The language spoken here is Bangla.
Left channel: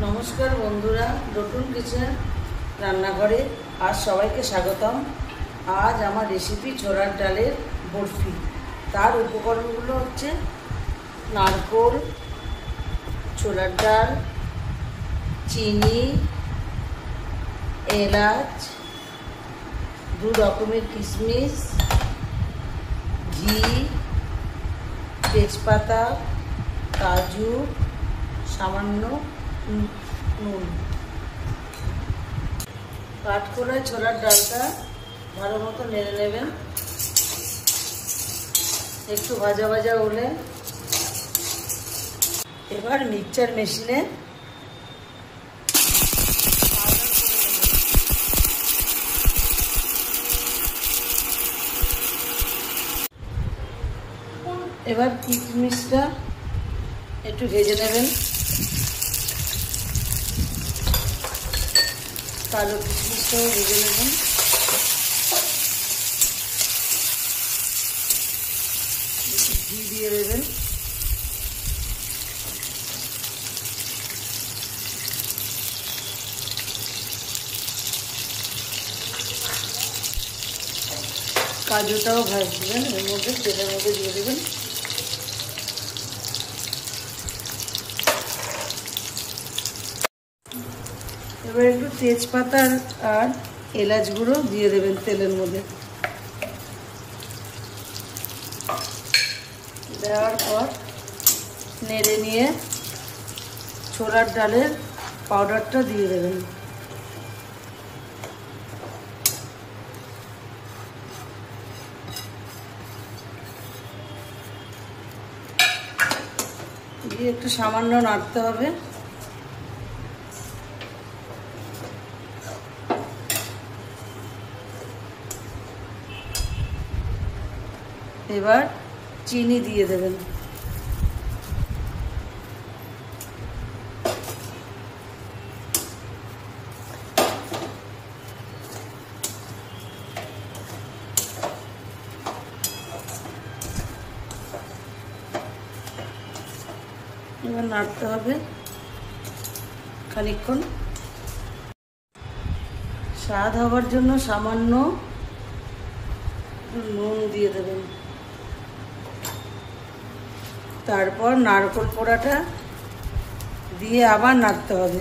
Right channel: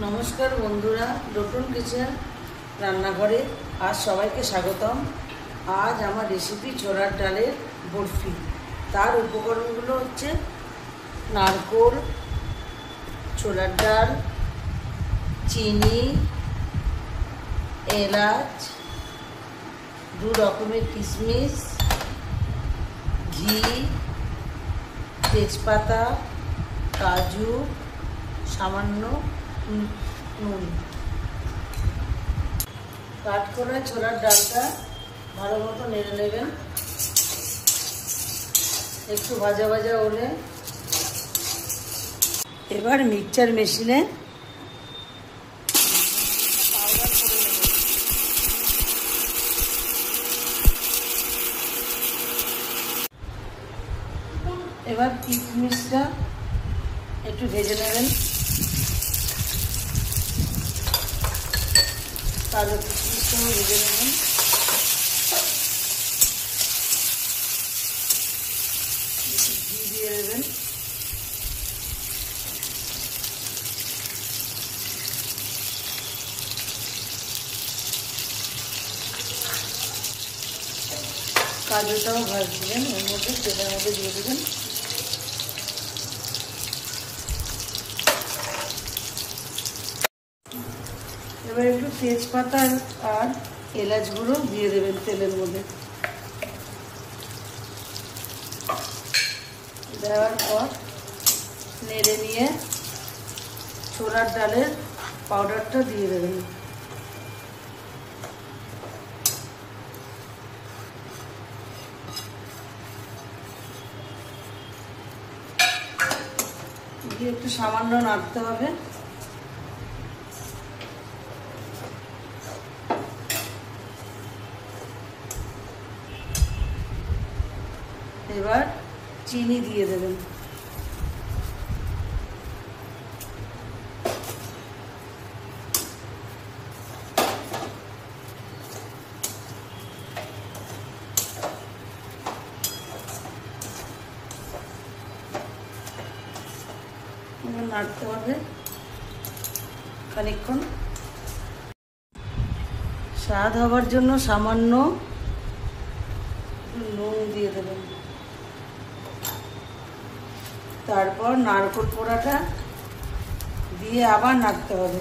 नमस्कार बंधुरा डटन किचेन रान्नाघरे आज सबाइके स्वागतम। आज आमार रेसिपि छोलार डालेर बरफी। तार उपकरणगुलो हच्छे नारकेल, छोलार डाल, चीनी, एलाच, दो रकमेर किशमिश, घी, तेजपाता, काजू, सामान्य নুন। কাঠকোলা ছোলার ডালটা ভালো মতো নেড়ে নেবেন। একটু ভাজা ভাজা হলে এবার মিক্সচার মেশিনে এবার কিশমিশটা একটু ভেজে নেবেন। কালো কিশমিশটাও ভেজে নেবেন। ঘি দিয়ে দেবেন। কাজুটাও ভাজবেন, এর মধ্যে তেলের মধ্যে দিয়ে দেবেন। এবার একটু তেজপাতা আর এলাচ গুঁড়ো দিয়ে দেবেন তেলের মধ্যে। দেওয়ার পর নেড়ে নিয়ে ছোলার ডালের পাউডারটা দিয়ে দেবেন। দিয়ে একটু সামান্য নাড়তে হবে। এবার চিনি দিয়ে দেবেন। এবার নাড়তে হবে খানিকক্ষণ। স্বাদ হবার জন্য সামান্য নুন দিয়ে দেবেন। তারপর নারকেল পোড়াটা দিয়ে আবার নাড়তে হবে।